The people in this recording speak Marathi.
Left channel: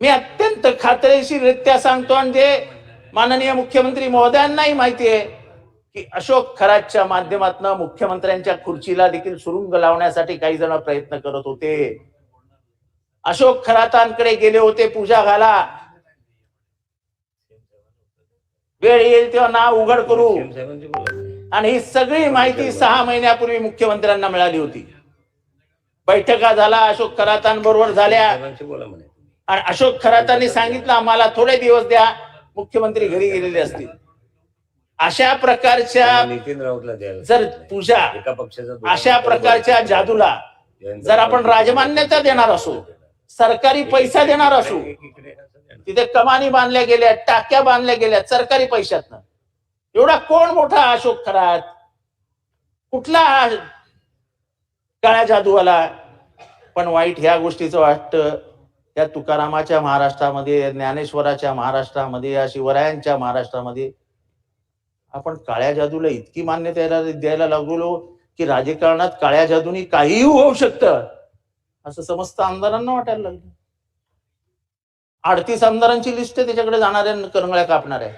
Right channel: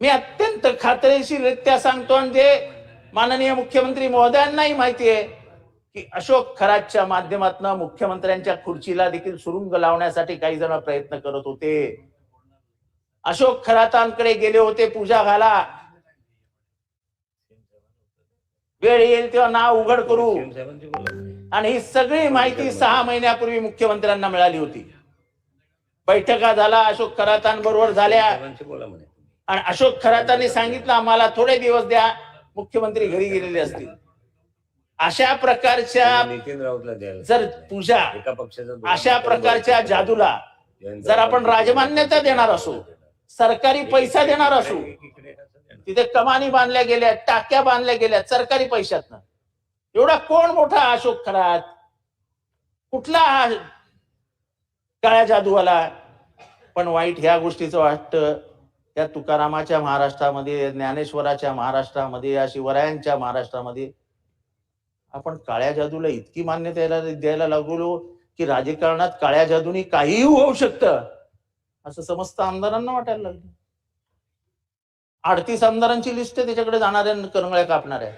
मी अत्यंत खात्रीशीररित्या सांगतो, आणि जे माननीय मुख्यमंत्री महोदयांनाही माहिती आहे की अशोक खरातच्या माध्यमातून मुख्यमंत्र्यांच्या खुर्चीला देखील सुरुंग लावण्यासाठी काही जण प्रयत्न करत होते. अशोक खरातांकडे गेले होते पूजा घाला, वेळ येईल तेव्हा नाव उघड करू, आणि ही सगळी माहिती 6 महिन्यापूर्वी मुख्यमंत्र्यांना मिळाली होती. बैठका झाला अशोक खरातांबरोबर झाल्या, आणि अशोक खरातांनी सांगितलं आम्हाला थोडे दिवस द्या, मुख्यमंत्री घरी गेलेले असतील. अशा प्रकारच्या नितीन राऊतला द्यायला जर पूजा, एका पक्षाचा अशा प्रकारच्या जादूला जर आपण राजमान्यता देणार असू, सरकारी पैसा देणार असू, तिथे कमानी बांधल्या गेल्या, टाक्या बांधल्या गेल्या सरकारी पैशातनं, एवढा कोण मोठा अशोक खरात, कुठला काळ्या जादूवाला? पण वाईट ह्या गोष्टीचं वाटतं, त्या तुकारामाच्या महाराष्ट्रामध्ये, ज्ञानेश्वराच्या महाराष्ट्रामध्ये, या शिवरायांच्या महाराष्ट्रामध्ये आपण काळ्या जादूला इतकी मान्यता द्यायला लागलो की राजकारणात काळ्या जादूनी काहीही होऊ शकतं असं समस्त आमदारांना वाटायला लागलं. 38 आमदारांची लिस्ट त्याच्याकडे जाणाऱ्या करंगळ्या कापणाऱ्या.